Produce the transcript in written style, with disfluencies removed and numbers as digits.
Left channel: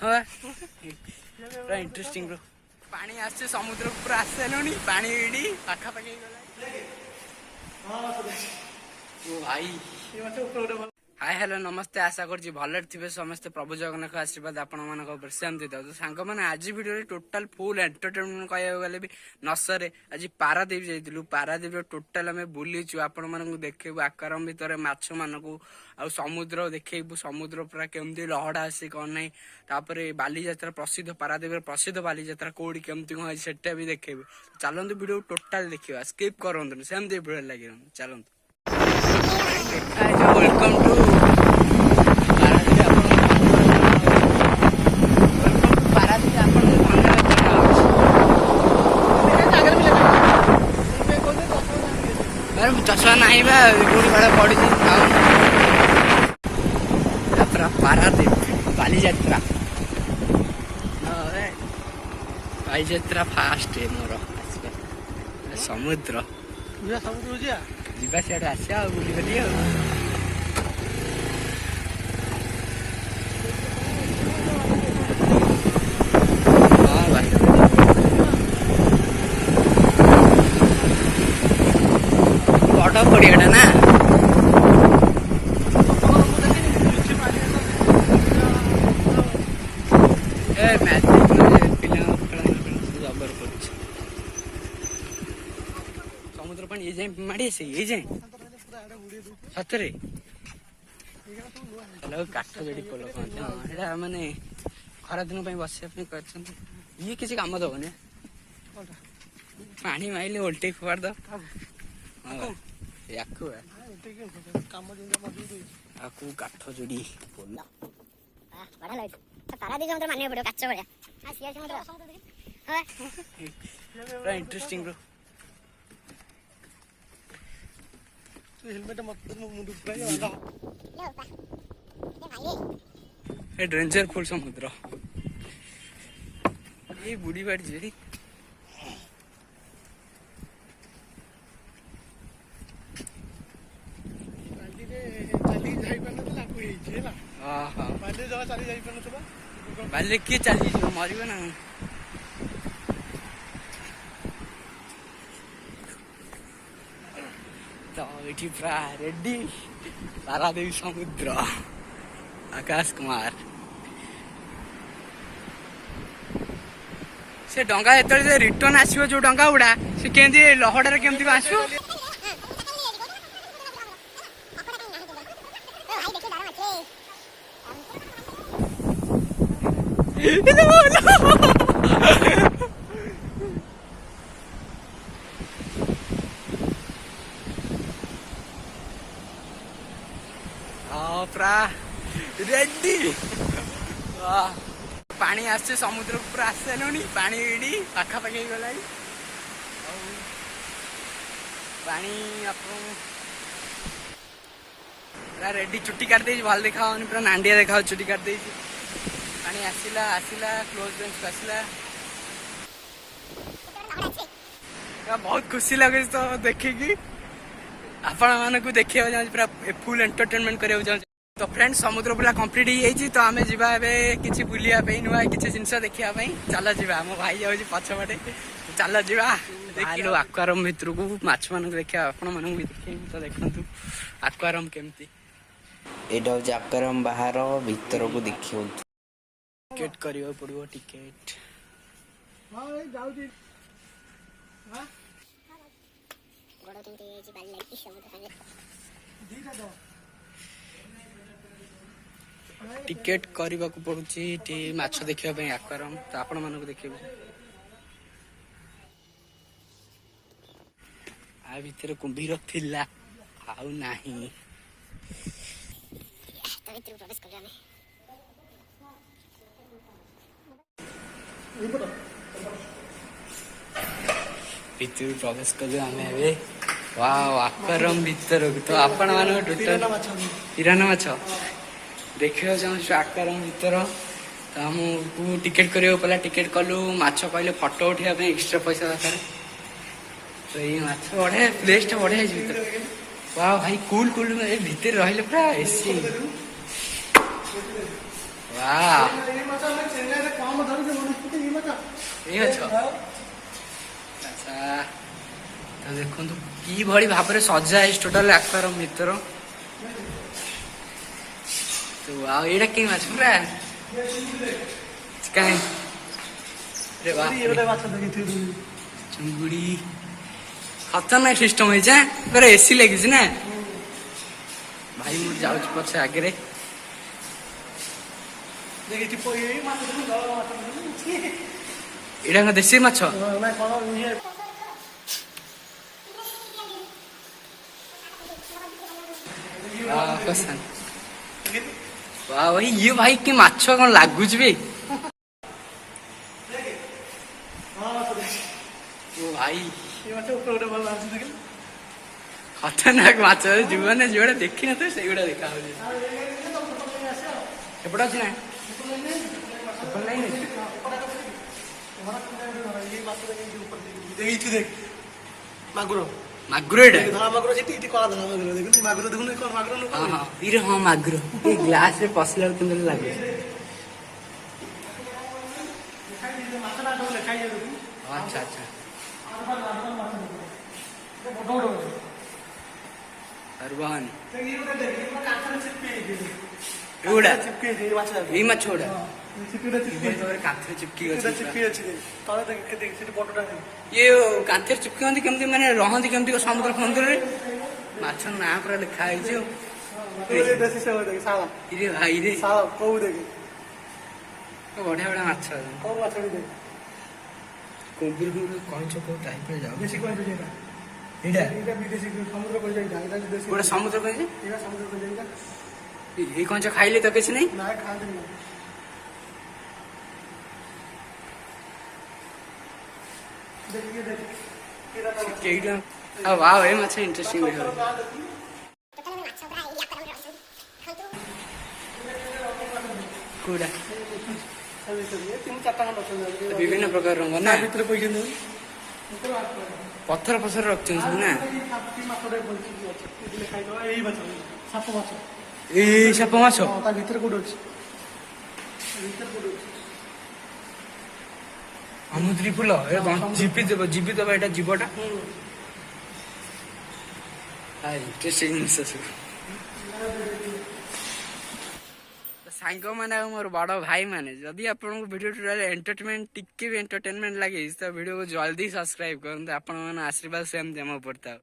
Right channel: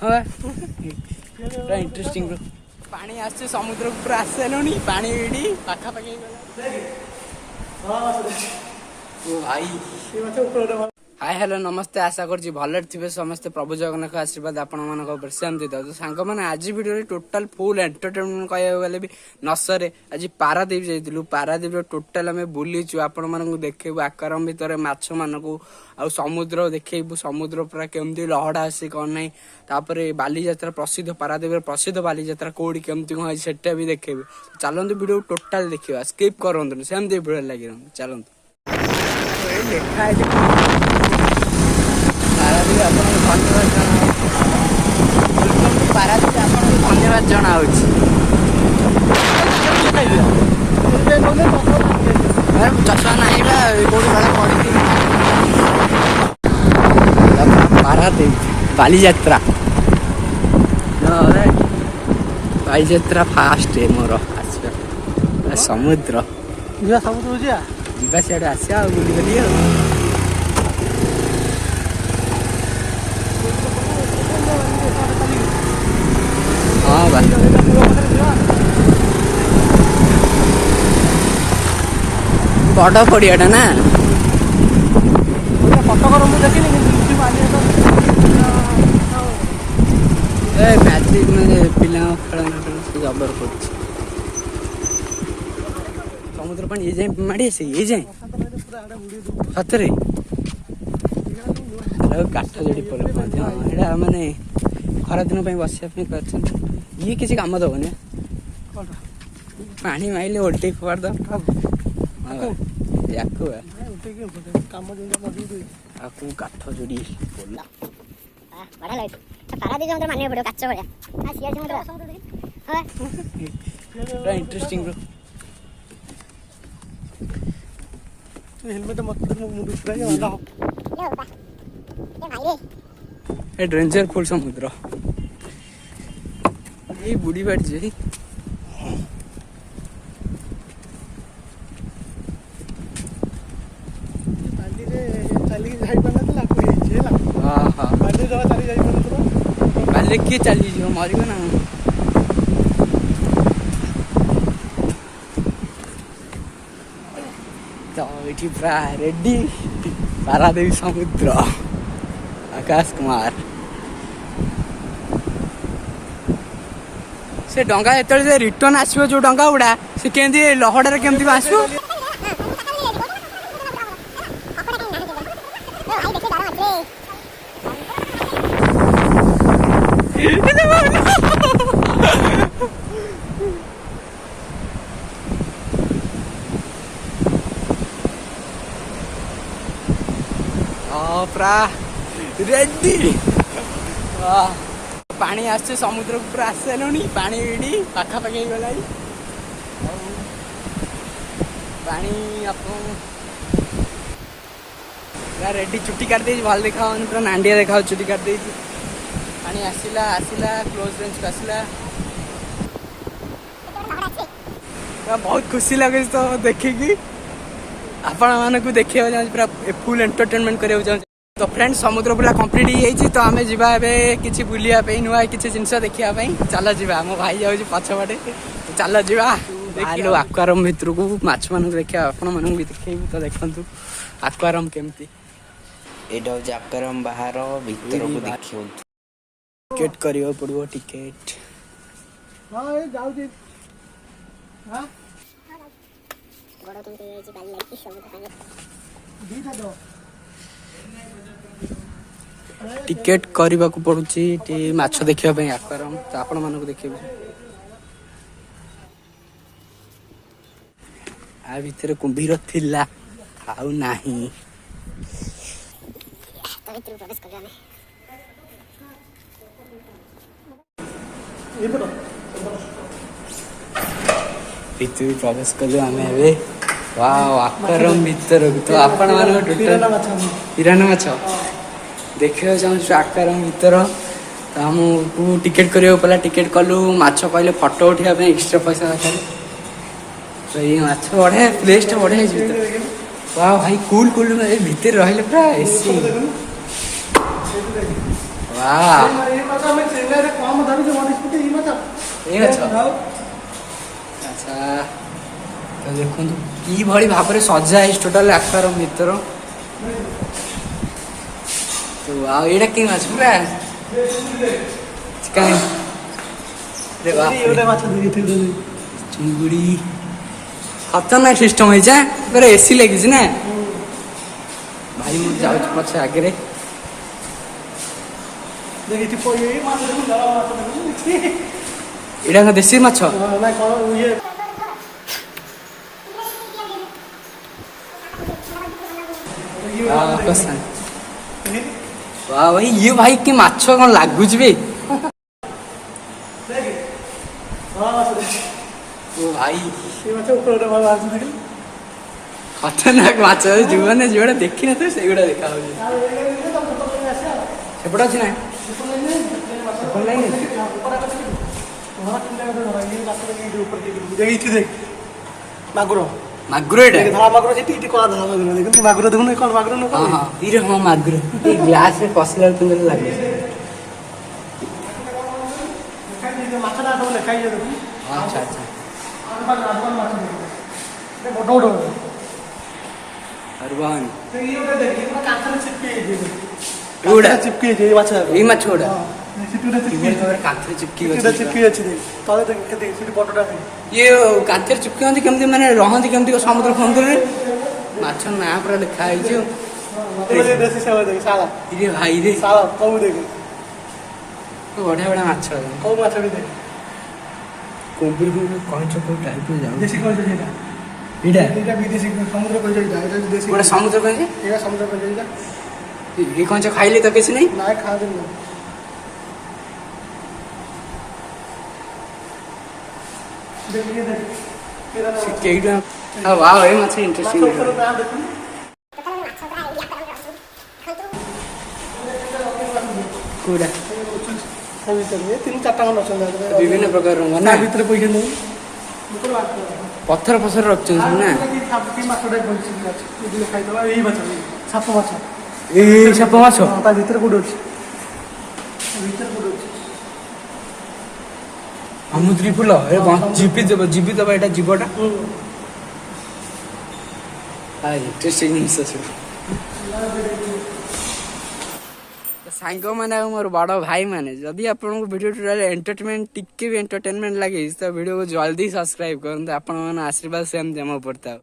हाँ पूरा interesting bro. पानी आसे समुद्र को पूरा आसी सारे पानी एडी पाखापाखि ओ भाई हाय हेलो नमस्ते आशा करछि भले थे समस्ते प्रभु जगन्नाथ आशीर्वाद आपण मान सेमती था। तो सांग मैंने आज वीडियो टोटाल फुल एंटरटेनमेंट कहूँ गले भी नसरे आज पारादीप जाइलु। पारादीप टोटाल आम बुलीचु आपण मानक देखू आकाराम भितर माछ मानक आ समुद्र देखू समुद्र पूरा केमती लहड़ा आसी कौन ना तापर बालीजात्रा प्रसिद्ध पारादीप प्रसिद्ध बालीजात्रा कौड़ी केमती कौन सेटा भी देखेबी। चलते वीडियो टोटाल देखा स्किप करते सेमती भिड़ लगे चलते धन्यवाद जनावि चषा नहीं कौटी भाड़ा पड़ी पारादीप बालीजात्रा बालीजात्रा फास्ट है मोर समुद्र जीवा सियाड़े आसा बुली हाँ भाई बड़ पड़ियाटा ना मैजिक पिला खेल जबर कर समुद्र पानी ये जाए माड़ी आसे ये जाए सतरे काठ जोड़ी पोल माने खरा दिन बस ये किसी काम दबनी पानी माइले उल्टे फोड़ दो काठ जोड़ी पोल पूरा इंटरेस्टिंग ब्रो। डेंजर फुल समुद्र ये बुढ़ी बाड़ी जी बाले किए चली जी मर ना तो ये रेडी पारादीप समुद्र आकाश कुमार से डंगा जो रिटर्न आसो जो डंगा गुड़ा से केमती लहड़ा केमती आसो रेडी पानी आसे समुद्र को पूरा आसी सारे पानी एडी पाखापाखि गला पानी पूरा रेडी चुट्टी काट दे भल देखा पूरा नांडिया देखा चुट्टी काट दे पानी आसला आसला क्लोज रेंज आसला बहुत खुशी लगे तो देखिकी आपण मानक देखा पूरा फुल एंटरटेनमेंट करा। तो फ्रेंड्स समुद्र पूरा कंप्लीट हो जाइए तो आम जा कि बुलिया नुआ किसी जिनस देखा चल जा मो भाई जाऊँ पछपटे तो चल जा आक्वारियम भितर को माछ मान देखा आपण मानक भी देखेबू तो देखु आक्वारियम केमती एटा हूँ आक्वारियम बाहर भीतर को देखियो टिकेट करियो पड़ो टिकेट टिकेट करने को पड़ुची माछ देखा आक्वारियम तो आपण मानक देखिए आ भितर कुंभीर थिला आउ नाही प्रवेश कलु आम आक्वारियम भितर तो आपण मानक हिराना माछ देखा चाहूँ आक्वारियम भितर तो आमको टिकेट करियो पड़ा टिकेट कलु माछ कहले फोटो उठाइबा एक्स्ट्रा पैसा दरकार तो ये माछ बढ़िया प्लेस टा बढ़िया है वाह भाई कूल कूल भीतर रहिले पूरा एसी वाह ଏଇ ମାଛ ଆଚ୍ଛା ତ ଦେଖନ୍ତୁ କିଭଳି ଭାବରେ ସଜା ହେଇଛି ଟୋଟାଲ ଆକ୍ୱାରିୟମ ଭିତର। ତ ଆଉ ଏଇଟା କି ମାଛ ପୁରା ଚିକେନ ଚୁଙ୍ଗୁଡ଼ି ଖତରନାକ ସିଷ୍ଟମ ହେଇଛି ପୁରା ଏସି ଲାଗିଛି ନା ଭାଇ ମୁଁ ଯାଉଛି ପଛେ ଆଗରେ ଏଇଟା ଦେଶୀ ମାଛ ଭାଇ ଇଏ ଭାଇ କି ମାଛ କଣ ଲାଗୁଛି ବେ ଓ ଭାଇ ଖତରନାକ ମାଛ ଯୋଉମାନେ ଯୋଉଟା ଦେଖିନଥିବେ ସେଇଗୁଡା ଦେଖା ହଉଛି ସେପଟେ ଅଛି ନା ମାଗୁର ମାଗୁର ଏଇଟା ଧଳା ମାଗୁର ଏଠି କଳା ଧଳା ମାଗୁର ଦେଖନ୍ତୁ ମାଗୁର ଦେଖୁନ କଣ ମାଗୁର ନୁହଁ ହଁ ହଁ ଇରେ ହଁ ମାଗୁର ଏଇ ଗ୍ଲାସ ରେ ପଶିଲା ବେଳକୁ କେମିତି ଲାଗେ ମାଛଟା ସବୁ ଲେଖା ହେଇଯିବ ଦେଖୁନ ଆଚ୍ଛା ଆଚ୍ଛା ବଡ ବଡ ଅରବାନ କାନ୍ଥରେ ଚିପକି ହେଇଛି ଏଗୁଡା ଚିପକି ହେଇଛି ଏଇ ମାଛ ଏଇ ମାଛ ଗୁଡା ଚିପକି କିଭଳି ଭାବରେ କାନ୍ଥରେ ଚିପକି ଅଛି ଚିପକି ଅଛି ତଳେ ଦେଖ ସେଠି ବଡଟା ଇଏ କାନ୍ଥରେ ଚିପକି ହନ୍ତି କେମିତି ମାନେ ରହନ୍ତି କେମିତି ସମୁଦ୍ର ଫମୁଦ୍ରରେ ମାଛ ନାଁ ପୁରା ଲେଖା ହେଇଛି ଆଉ ଦେଶୀ ସେବା ଦେଖ ଶାଳା ଇରେ ଭାଇ ରେ ଶାଳା କଉ ଦେଖ ବଢିଆ ବଢିଆ ମାଛ କଉ ମାଛ ବି ଦେଖ କୋବିର କହିଛ କୋଉ ଟାଇପର ଯାଉ ଦେଶୀ କହିଛ ସେଇଟା ଏଇଟା ଏଇଟା ବିଦେଶୀ ସମୁଦ୍ର କହିଛ ଏଇଟା ଏଇଟା ଦେଶୀ ଗୋଟେ ସମୁଦ୍ର କହିଛି ଏଇଟା ସମୁଦ୍ର କହିଛ ଏଇଟା ଏଇ କଞ୍ଚ ଖାଇଲେ ତ କିଛି ନାହିଁ ନାଇଁ ଖାଆନ୍ତିନି ସେଇଟା ଆଉ ୱାଓ ଏ ମାଛ ଇଣ୍ଟରେଷ୍ଟିଂ ଦେଖ କୋଉଟା ତିନି ଚାରିଟା ଖଣ୍ଡ ଅଛନ୍ତି ବିଭିନ୍ନ ପ୍ରକାର ରଙ୍ଗ ନା ଭିତରେ ପଇସା ପଥର ଫସର ରଖିଛନ୍ତି ସବୁ ନା ଏଇ ମାଛ ସାପ ମାଛ ଏଇ ସାପ ମାଛ ତା ଭିତରେ କୋଉଠି ଅଛି ଭିତରେ କୋଉଠି ଅଛି ସମୁଦ୍ରୀ ଫୁଲ ଏ ଜୀବିତ ବା ଏଇଟା ଜୀବଟା ଇଣ୍ଟରେଷ୍ଟିଂ ଜିନିଷ ସବୁ ସାଙ୍ଗମାନେ ଆଉ ମୋର ବଡ଼ ଭାଇମାନେ ଯଦି ଆପଣଙ୍କୁ ଭିଡ଼ିଓ ଟୋଟାଲ ଏଣ୍ଟରଟେନମେଣ୍ଟ ଟିକେ ବି ଏଣ୍ଟରଟେନମେଣ୍ଟ ଲାଗେ ତ ଭିଡ଼ିଓକୁ ଜଲ୍ଦି ସବସ୍କ୍ରାଇବ କରନ୍ତୁ ଆପଣମାନଙ୍କ ଆଶୀର୍ବାଦ ସେମିତି ଆମ ଉପରେ ଥାଉ।